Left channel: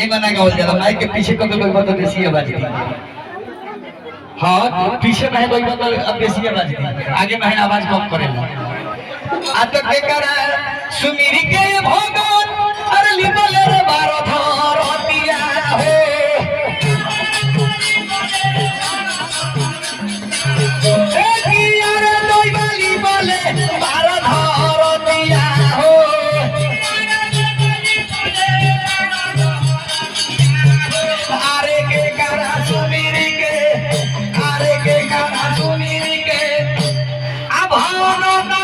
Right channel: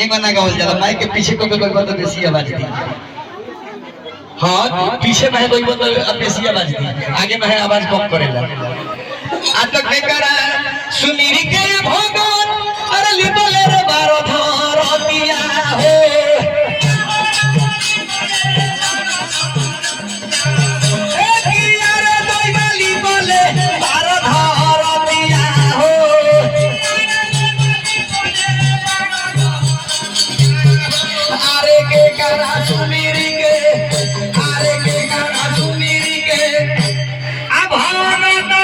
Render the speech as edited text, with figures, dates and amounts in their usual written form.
ये मना गावल जाला माइक के पीछे को कोई बंदा देसी आवाज दी हां पीछे में कोई बंदा देसी आवाज दी आगे में आवाज कम करेला आ तक बेकरा सुमिरी के भगवान अरे लिबल रे बारो धरतिया हो No, no, no.